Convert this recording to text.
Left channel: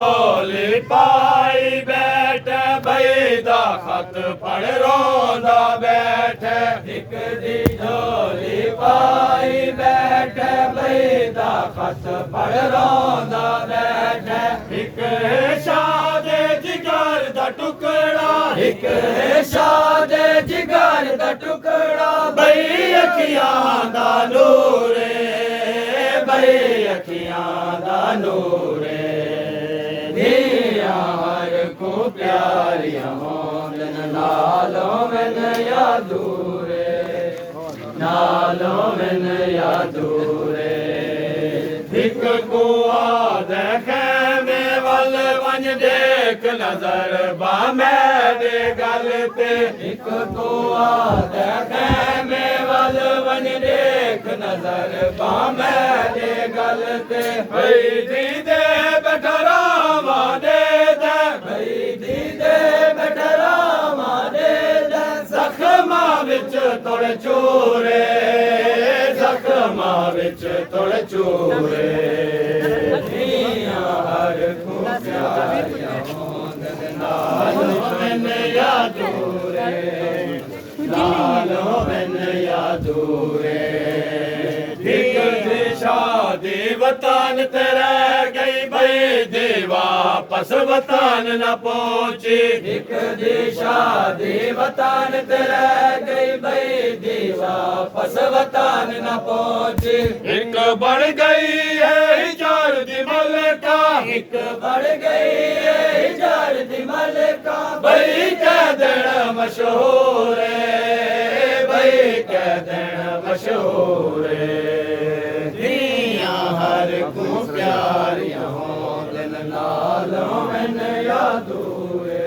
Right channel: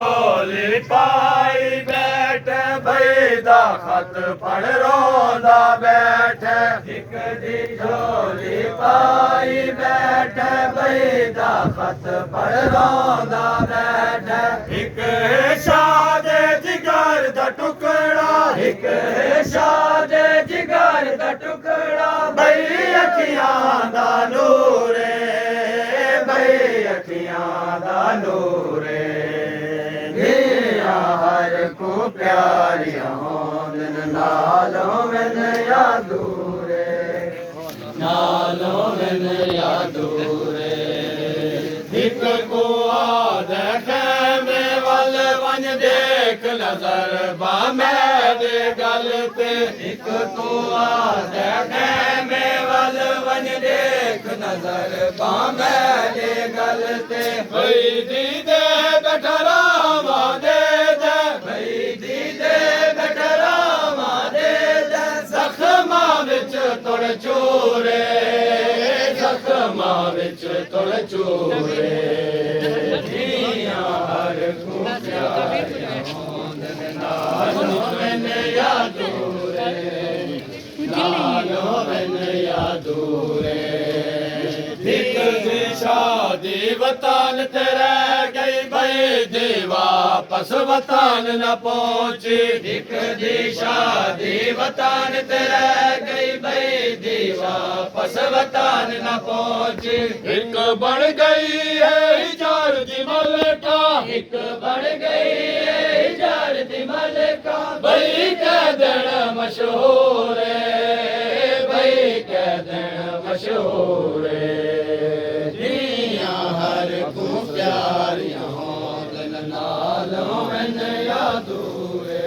ਝੋਲੀ ਪਾਈ ਬੈਠੇ ਬਈ ਦਾ ਖਤ ਪੜ ਰੋਂਦਾ ਬੈਠੇ ਇੱਕ ਦੀ ਝੋਲੀ ਪਾਈ ਬੈਠੇ ਬਈ ਦਾ ਖਤ ਪੜ ਰੋਂਦਾ ਬੈਠੇ ਇੱਕ ਸ਼ਾਦੇ ਜਿਗਰ ਦਾ ਟੁਕੜਾ ਇੱਕ ਸ਼ਾਦੇ ਜਿਗਰ ਦਾ ਟੁਕੜਾ ਬਈ ਅੱਖੀਆਂ ਦਾ ਨੂਰੇ ਬਈ ਅੱਖੀਆਂ ਦਾ ਨੂਰੇ को प्यारियां दिन नालों में यादूरे नालों में यादूरे एक को देखे में वल वन देख नजर बामे दे गल ते एक को देखे में वल वन देख नजर बामे दे गल ते भई दी दे बैठरा दे तुड़ चूरे जख्मा विच तुड़ चूरे हर को प्यारियां नालों में यादूरे नालों में यादूरे शादी वतन तेरे गई भई दी वापस वतन न पहुंची एक दी शादी वतन तेरे गई भई दी वापस वतन न पहुंची एक बढ़ गई है हिजार दी मलका एक बढ़ गई है हिजार दी मलका भई कह देना मशहूर है भई कह देना मशहूर है प्यारियां दिल नालों में यादूरे